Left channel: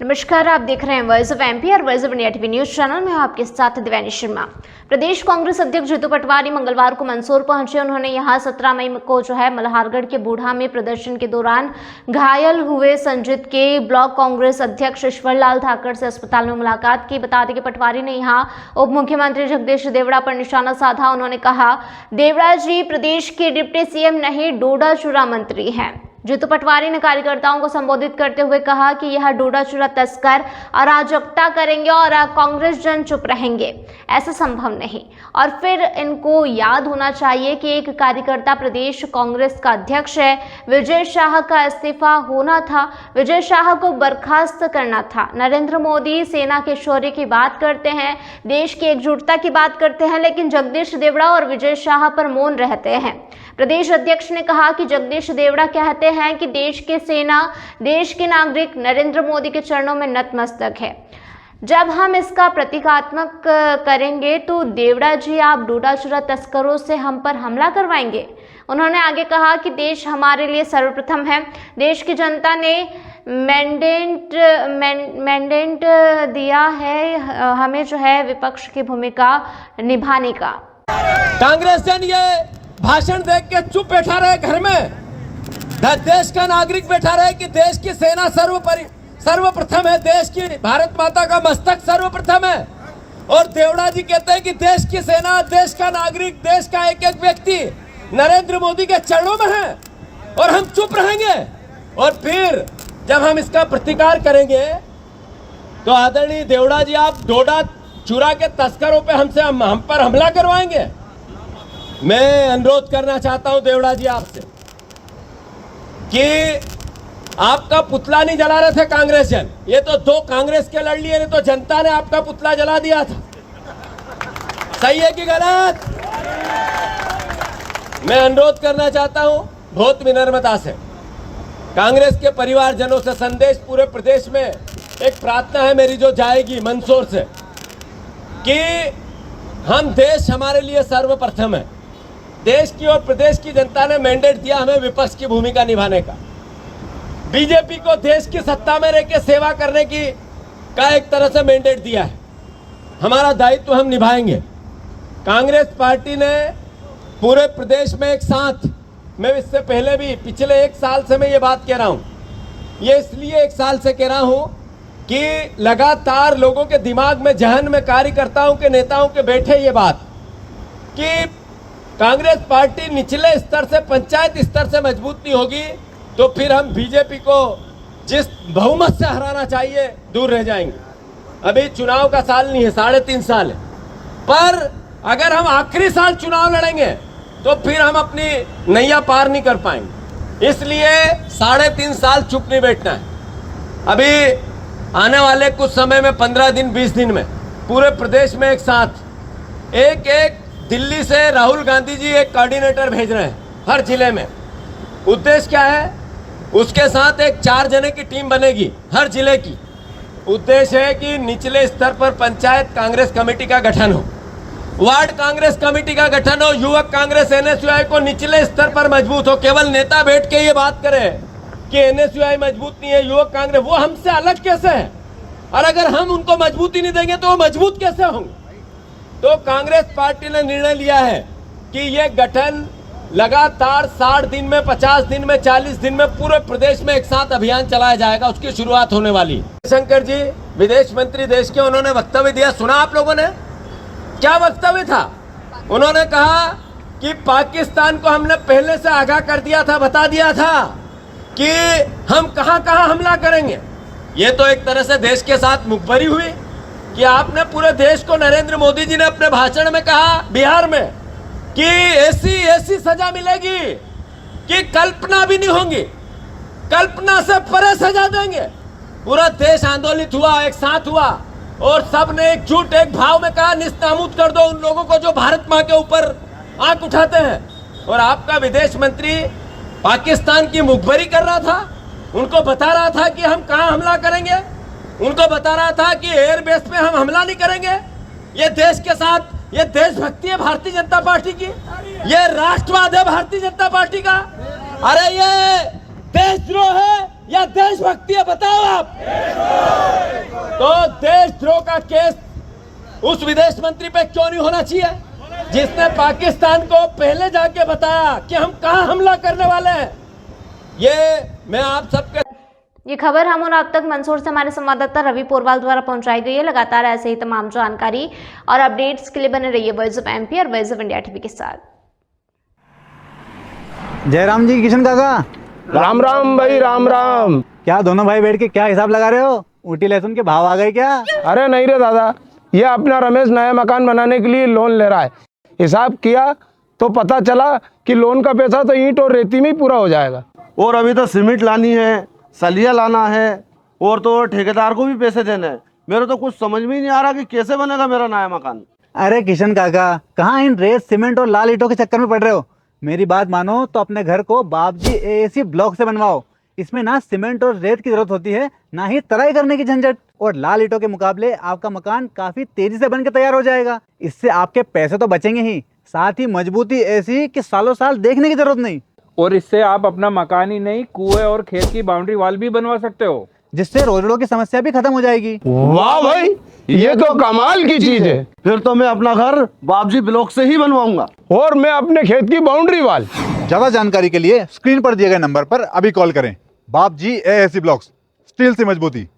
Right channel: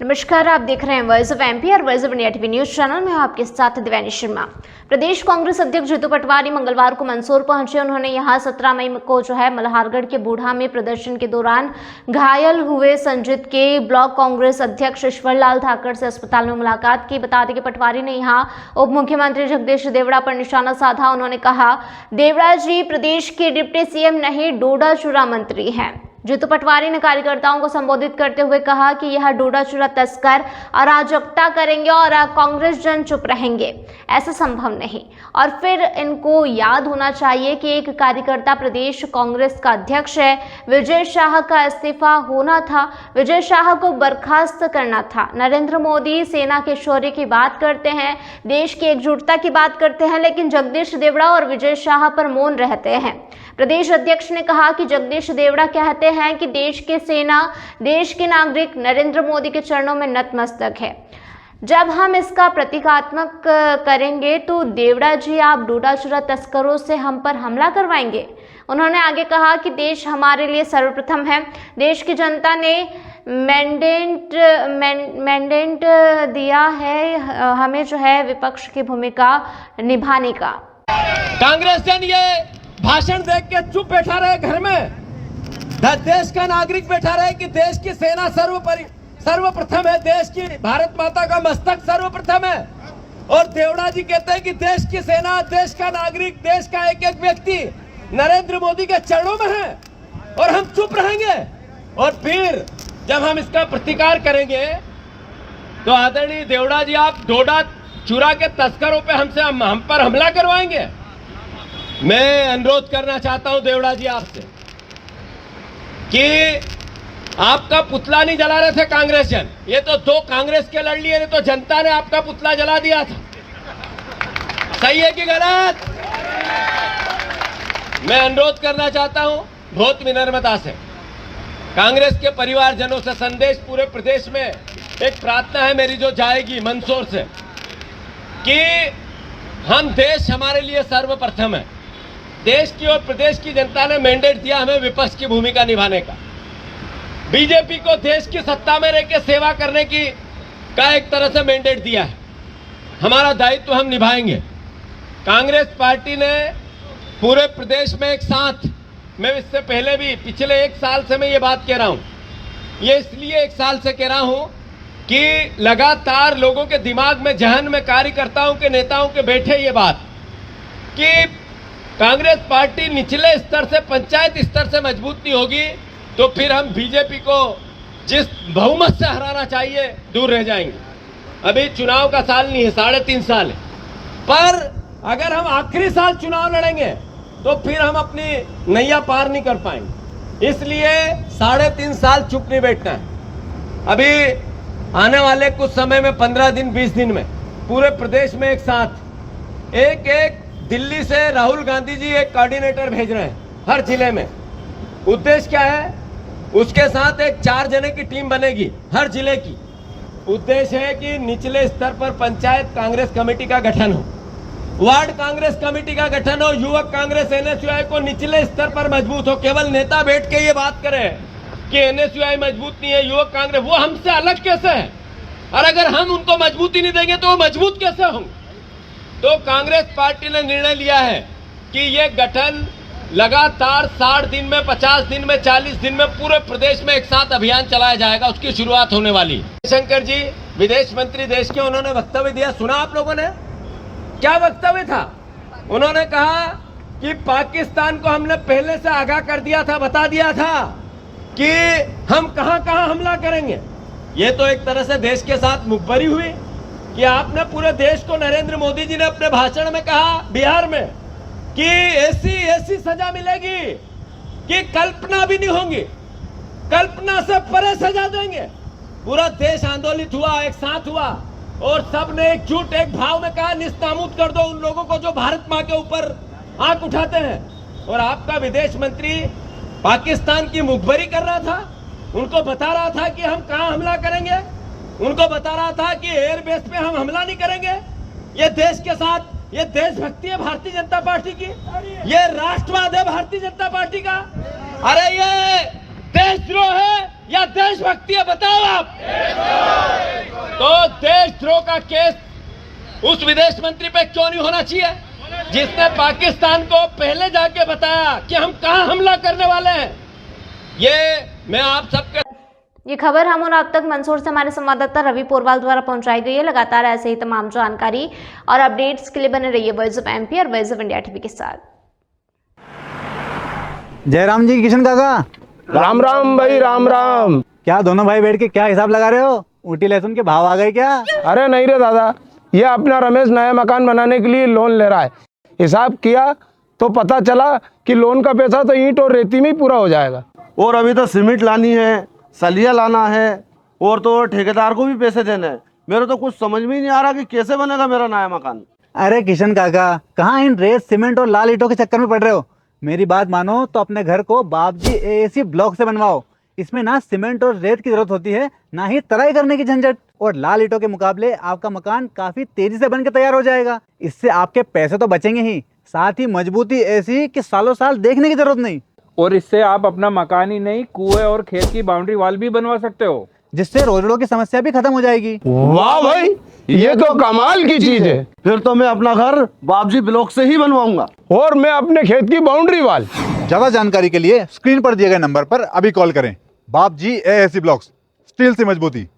नमस्कार, आप देख रहे हैं वॉइस ऑफ एमपी और voice of India TV news channel में आपके साथ दिव्यानी शर्मा। प्रदेश कांग्रेस अध्यक्ष जीतू पटवारी मंगलवार को मंदसौर पहुंचे। उन्होंने यहां 17 मई को मल्हारगढ़ के बूढ़ा में प्रदर्शन के दौरान घायल हुए संजित के ब्लॉक कांग्रेस अध्यक्ष ईश्वर लाल ठाकर से अस्पताल में मुलाकात की। बता दें कि पटवारी ने यहां उप मुख्यमंत्री जगदीश देवड़ा पर निशाना साधा। उन्होंने कहा, देवड़ा जी प्रदेश के डिप्टी सीएम नहीं, डोडा चूरा मंत्री हैं। जीतू पटवारी ने कार्यकर्ताओं को संबोधित करते हुए कहा कि यह डोडा चूरा तस्कर अराजकता करेंगे और कांग्रेस जन चुप रहेंगे, ऐसा संभव नहीं। और फिर इनको याद होना चाहिए कि एक कार्यकर्ता प्रदेश कांग्रेस का अध्यक्ष है। विजय शाह का इस्तीफा होना था, विजय शाह को बर्खास्त करना था। नरेंद्र मोदी सेना के शौर्य की बात करते हैं, देश की एकजुटता की बात करते हैं, लेकिन जगदीश देवड़ा और विजय शाह पर मौन रहते हैं। प्रदेश अध्यक्ष ने कहा कि जगदीश देवड़ा कहते हैं कि देश की सेना, देश के नागरिक नरेंद्र मोदी के चरणों में नतमस्तक है। जब हम इसका प्रतीकात्मक करेंगे तो देवड़ा जी आप डोडा चूरा तस्करों से हम पर हमला करवाएंगे। उन्होंने आगे कहा कि देश हमारे लिए सर्वप्रथम है। देश की जनता ने मैंडेट दिया है हमें विपक्ष की भूमिका निभाने का। कांग्रेस जन ये भाषण देख के चुप बैठा रहे घर में, देश का नागरिक बैठा रहे कि देश की सेना सर्वप्रथम है, देश की भारत माता का मस्तक सर्वप्रथम है। और देवड़ा जी कहते हैं कि देश की सेना, देश का नागरिक, देश का एक एक व्यक्ति नरेंद्र मोदी के चरणों में है और हम चुप रहेंगे। और फिर जब हम इसका प्रतिकार करेंगे तो आदरणीय देवड़ा जी आप डोडा चूरा के तस्करों पे हम पर हमला करवाएंगे। मैं अनुरोध करना चाहता हूं देवड़ा जी आपसे कि आपका पुतला नहीं जला रहे थे कांग्रेस जन, ये तो दो कांग्रेस के लड़ लिए, तो जनता ने आपका पुतला जला दिया था। सही है कि गलत? मैं अनुरोध करना चाहता हूं बहुत विनम्रता से, कांग्रेस के परिवारजनों से संदेश पूरे प्रदेश में एक प्रार्थना है मेरी जो जाएगी मंदसौर से कि देश हमारे लिए सर्वप्रथम है। देश की और प्रदेश की जनता ने मैंडेट दिया हमें विपक्ष की भूमिका निभाने का। बीजेपी को देश की सत्ता में रहकर सेवा करने का एक तरह से मैंडेट दिया है। हमारा दायित्व हम निभाएंगे। कांग्रेस पार्टी ने पूरे प्रदेश में एक साथ, मैं इससे पहले भी पिछले एक साल से मैं ये बात कह रहा हूँ, ये इसलिए एक साल से कह रहा हूँ कि लगातार लोगों के दिमाग में, जहन में, कार्यकर्ताओं के, नेताओं के बैठे ये बात कि कांग्रेस पार्टी निचले स्तर से, पंचायत स्तर से मजबूत नहीं होगी तो फिर हम बीजेपी को जिस बहुमत से हराना चाहिए दूर रह जाएंगे। अभी चुनाव का साल नहीं है, 3.5 साल है, पर अगर हम आखिरी साल चुनाव लड़ेंगे तो फिर हम अपनी नैया पार नहीं कर पाएंगे। इसलिए 3.5 साल चुप नहीं बैठना है। अभी आने वाले कुछ समय में 15 दिन 20 दिन में पूरे प्रदेश में एक साथ एक दिल्ली से राहुल गांधी जी एक कोऑर्डिनेटर भेज रहे हैं हर जिले में। उद्देश्य क्या है? उसके साथ एक 4 जने की टीम बनेगी हर जिले की। उद्देश्य है कि निचले स्तर पर पंचायत कांग्रेस कमेटी का गठन हो, वार्ड कांग्रेस कमेटी का गठन हो, युवक कांग्रेस एनएसयूआई को निचले स्तर पर मजबूत हो। केवल नेता बैठ के ये बात करे कि एनएसयूआई मजबूत नहीं है, युवक कांग्रेस, वो हमसे अलग कैसे है? और अगर हम उनको मजबूती नहीं देंगे तो वो मजबूत कैसे होंगे? तो कांग्रेस पार्टी ने निर्णय लिया है कि ये गठन लगातार 60 दिन में, 50 दिन में, 40 दिन में पूरे प्रदेश में एक साथ अभियान चलाया जाएगा। उसकी शुरुआत होने वाली। शंकर जी विदेश मंत्री देश के, उन्होंने वक्तव्य दिया, सुना आप लोगों ने? क्या वक्तव्य था? उन्होंने कहा कि पाकिस्तान को हमने पहले से आगाह कर दिया था, बता दिया था कि हम कहां कहां हमला करेंगे। ये तो एक तरह से देश के साथ मुखबरी हुई कि आपने पूरे देश को, नरेंद्र मोदी जी ने अपने भाषण में कहा बिहार में कि ऐसी सजा मिलेगी कि कल्पना भी नहीं होगी, कल्पना से परे सजा देंगे। पूरा देश आंदोलित हुआ, एक साथ हुआ और सब ने एकजुट एक भाव में कहा निस्तामूद कर दो उन लोगों को जो भारत मां के ऊपर आंख उठाते हैं। और आपका विदेश मंत्री पाकिस्तान की मुखबरी कर रहा था, उनको बता रहा था कि हम कहां हमला करेंगे, उनको बता रहा था कि एयरबेस पे हम हमला नहीं करेंगे। ये देश के साथ, ये देशभक्ति है भारतीय जनता पार्टी की, ये राष्ट्रवाद है भारतीय जनता पार्टी का। अरे ये देशद्रोह है या देशभक्ति है? बताओ आप। का केस उस विदेश मंत्री पे क्यों नहीं होना चाहिए जिसने पाकिस्तान को पहले जाके बताया कि हम कहां हमला करने वाले हैं। ये मैं आप सबके ये खबर हम और आप तक मंदसौर से हमारे संवाददाता रवि पोरवाल द्वारा पहुंचाई गई है। लगातार ऐसे ही तमाम जानकारी और अपडेट्स के लिए बने रहिए वॉइस ऑफ एमपी और वॉइस ऑफ इंडिया टीवी के साथ। जयराम जी, किशन काका, राम राम भाई, राम राम। क्या दोनों भाई बैठ के क्या हिसाब लगा रहे हो? ऊटी लहसुन के भाव आ गए क्या? अरे नहीं रे दादा, ये अपना रमेश नया मकान बनाने के लिए लोन ले रहा है। हिसाब किया तो पता चला कि लोन का पैसा तो ईंट और रेती में ही पूरा हो जाएगा। और अभी तो सीमेंट लानी है, सलिया लाना है, और तो ठेकेदार को भी पैसे देने हैं। मेरे तो कुछ समझ में ही नहीं आ रहा कि कैसे बनेगा मेरा नया मकान। अरे किशन काका, कहाँ इन रेत सीमेंट और लाल ईंटों के चक्कर में पड़ रहे हो? मेरी बात मानो तो अपने घर को बाबजी एएसी ब्लॉक से बनवाओ। इसमें ना सीमेंट और रेत की जरूरत होती है, ना ही तराई करने की झंझट। और लाल ईंटों के मुकाबले आपका मकान काफी तेजी से बनकर तैयार हो जाएगा। इससे आपके पैसे तो बचेंगे ही, साथ ही मजबूती ऐसी कि सालों साल देखने की जरूरत नहीं। और इससे आप अपना मकान ही नहीं, कुएं और खेत की बाउंड्री वॉल भी बनवा सकते हो, जिससे रोजड़ों की समस्या भी खत्म हो जाएगी। वाह भाई, ये तो कमाल की चीज है। फिर तो मैं अपना घर बाबजी ब्लॉक से ही बनवाऊंगा। और मैं अपने खेत की बाउंड्री वाल। ज्यादा जानकारी के लिए स्क्रीन पर दिए गए नंबर पर अभी कॉल करें। बाबजी एएसी ब्लॉक्स, स्टील से मजबूती।